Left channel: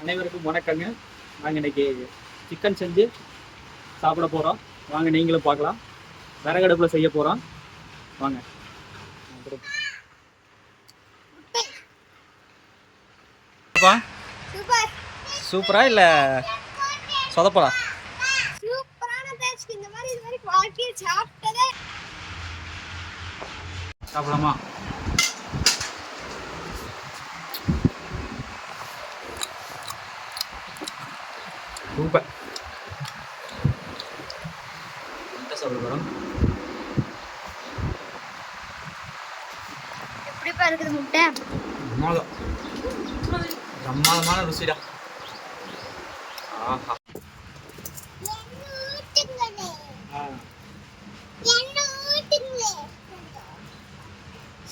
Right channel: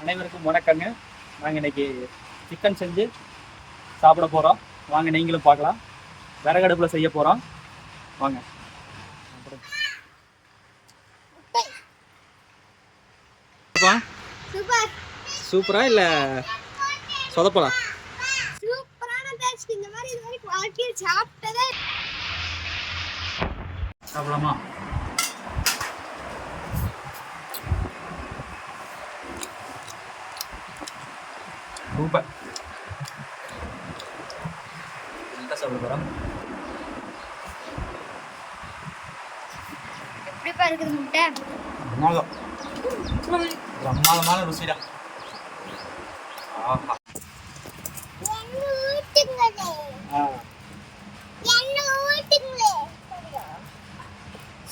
அனைவருக்கும் வணக்கங்க. நாங்கள் இன்னைக்கு சிக்கன் செஞ்சு சாப்பிட போகிறோம். வாங்க நீங்களும் பார்க்கலாம். விறகடுப்பில் செய்ய போகிறோம். வாங்க. சூப்பரா இல்லை சொதப்பலா? சாப்பிடலாமா? சூப்பர். சாப்பிட போகிறோம். எப்படிப்பா இருக்குது முட்டை? பிரமாதமான ருசிடா. ஆஹா,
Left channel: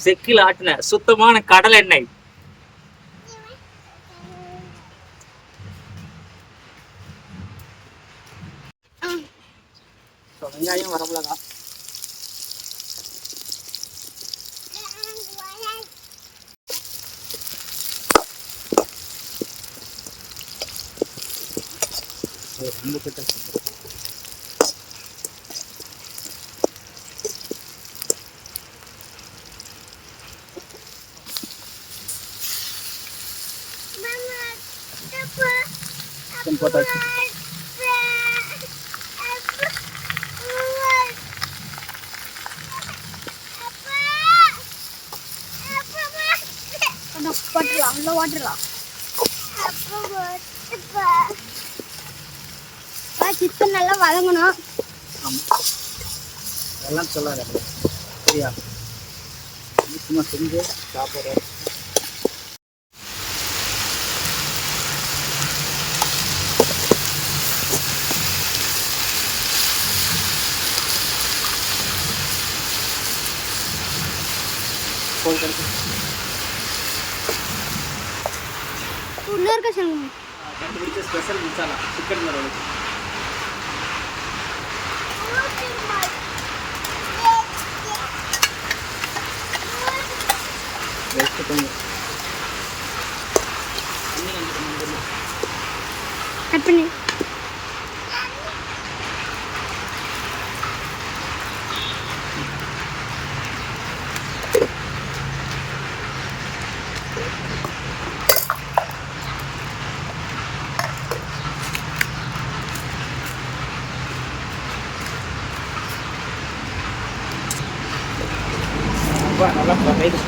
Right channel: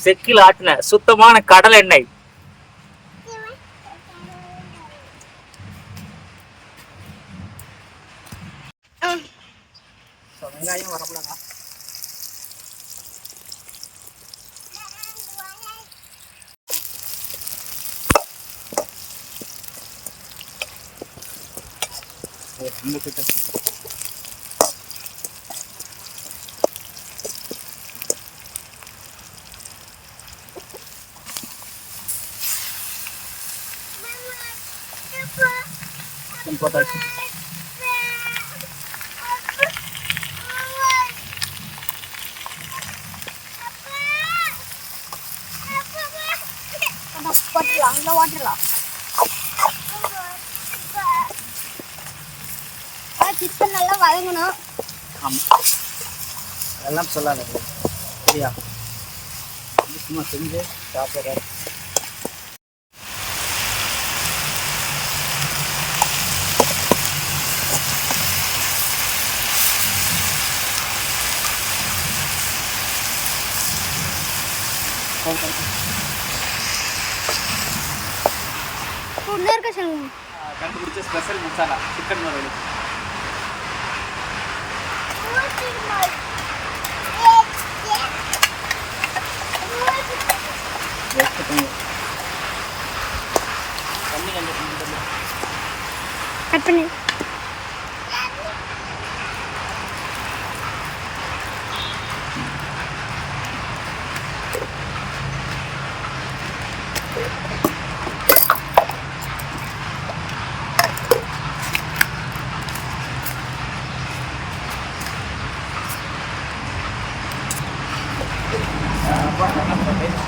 செக்கில் ஆட்டின சுத்தமான கடல் எண்ணெய். வெங்காயம் வரமிளகா. ரொம்ப கிட்ட போட்டாச்சு. சிக்கன் நல்லா வதங்கணும். அதெல்லாம் சொல்லாத சரியா? சும்மா செஞ்சு சாப்பிட்ற. கண்டுபிடிச்ச ஸ்பெஷல் மசாலா சிக்கன் வறுவலுக்கு. தண்ணி கொஞ்சம் கட் பண்ணி நல்லா சமையல்.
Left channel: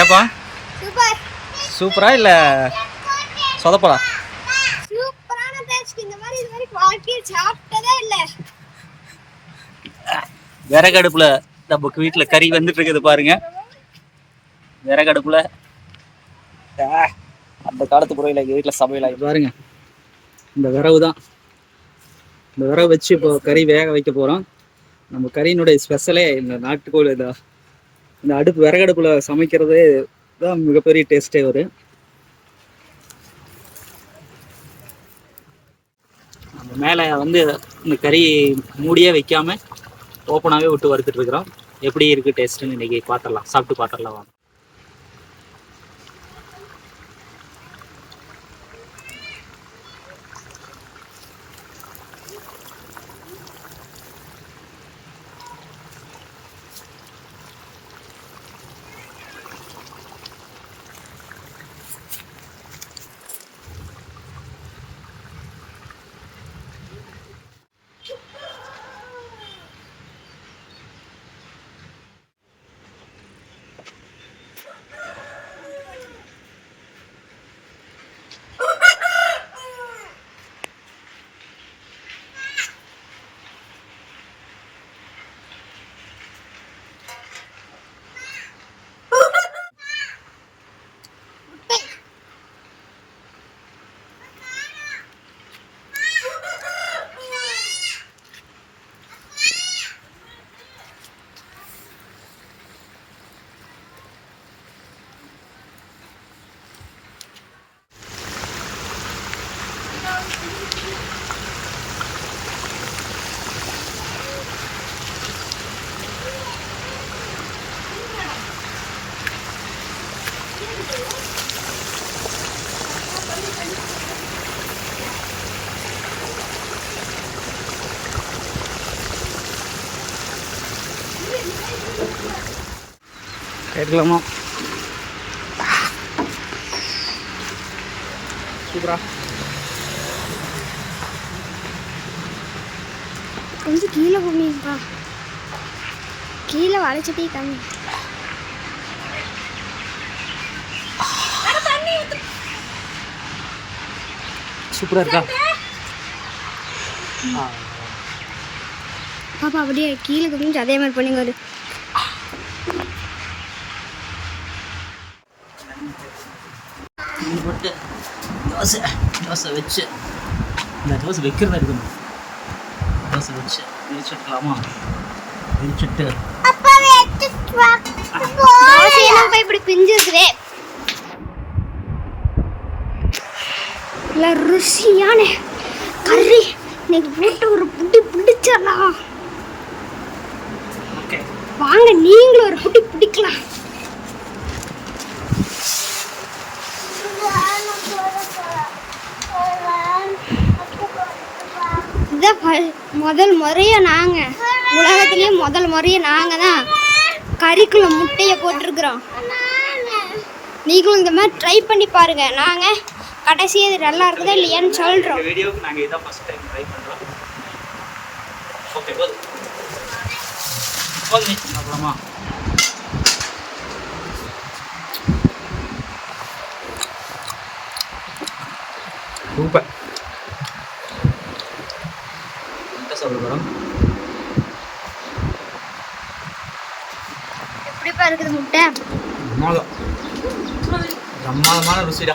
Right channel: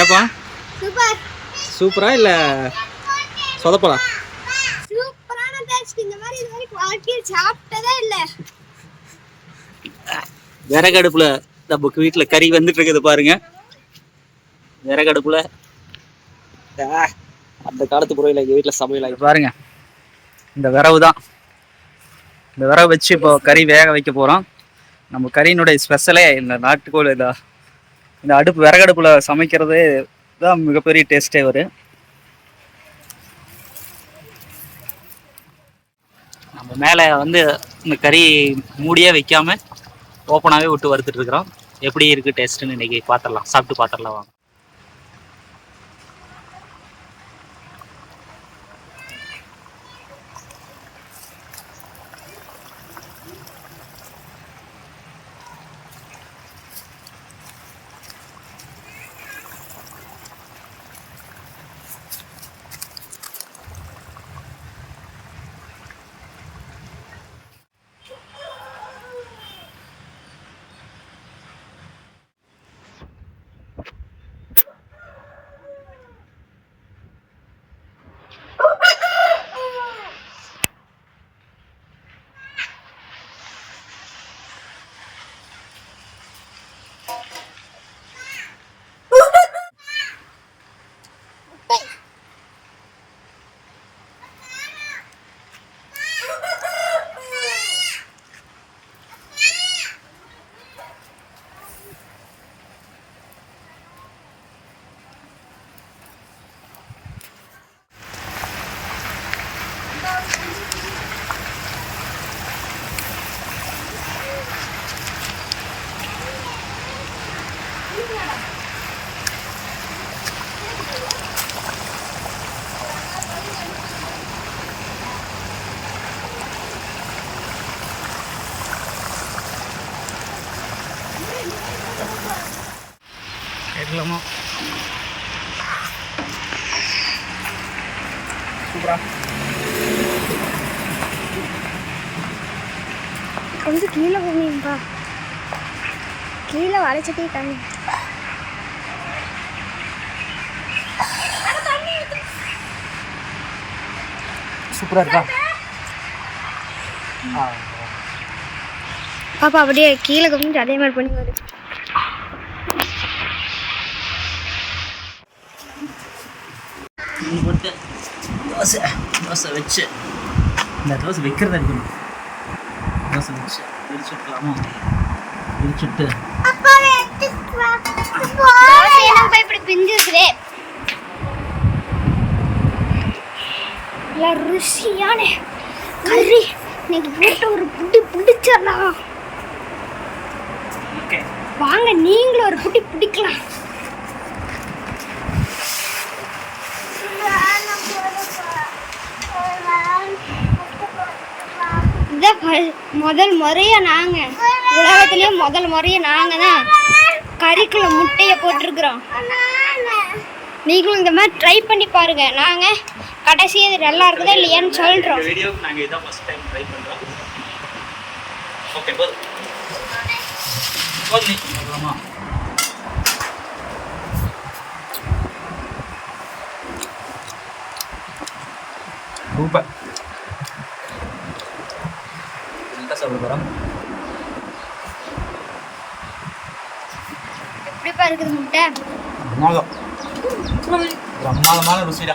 ஏப்பா சூப்பர். சூப்பரா இல்லை சொதப்பலா? சூப்பரான டேஸ்ட். இந்த மாதிரி இது வரைக்கும் வாழ்க்கையில் சாப்பிட்டதே இல்லை. விறகடுப்புல நமக்கு வீட்டில் கறி வந்துட்டு இருக்குது பாருங்க. விறகடுப்புல அந்த காலத்து முறையில் எங்கள் வீட்டில் சமையல் பாருங்க. இந்த விறகு தான். இந்த விறகு வச்சு இப்போ கறி வேக வைக்க போகிறோம். நம்ம கறியினுடைய ஸ்பெஷலே இந்த நாட்டுக்கோழி தான். இந்த அடுப்பு விறகடுப்புல சமைக்கிறது தான் மிகப்பெரிய டேஸ்டே வரும். நம்ம மேலே வந்து இந்த கறி மூடியே வைக்காம ஓப்பனாகவே விட்டு வறுத்துட்டு இருக்கிறோம். எப்படி இருக்குது டேஸ்ட்டுன்னு இன்றைக்கி பார்த்துடலாம், சாப்பிட்டு பார்த்துடலாம் வாங்க. கேட்கலாமா? சூப்பரா. கொஞ்சம் கீழே போமீங்கப்பா, கீழே வளைச்சிட்டே காமி. சூப்பரா இருக்கா? பாப்பா அப்படியே கீழே குமிஞ்சு அதே மாதிரி பண்ணிங்க. ஒரு போட்டு தோசை தோசை வச்சு இந்த தோசை வைக்கிறதா இருக்கணும். தோசை வச்சு விரிச்சுட்டுலாமா? விரிச்சுட்டு தோசையெல்லாம் போய் இப்படி பிஞ்சிருக்குதே. இல்லை ருசியான கறி இன்னைக்கு போட்டு ஒரு புட்டி பிடிச்சிடலாம். ஓகே, வாங்க நீங்களும் ஒரு புட்டி பிடிக்கலாம். முதல் முறையா நாங்க உலகத்திலேயே முதல் முறையா நாங்க தான் கறிக்குள்ள முட்டையை போட்டிருக்கிறோம். நீங்களும் இந்த மாதிரி ட்ரை பண்ணி பாருங்க. நாங்க கடைசி இது நல்லா இருக்குதா இல்லையான்னு சொல்றோம். வீடியோக்கு நாங்க இதான் ஃபர்ஸ்ட் டைம் ட்ரை பண்றோம். ஓகே, போதும் போதும். அப்புறமா சூப்பர். சாப்பிட போகிறோம். எப்படிப்பா இருக்குது முட்டை? பிரமாதமான ருசிடா.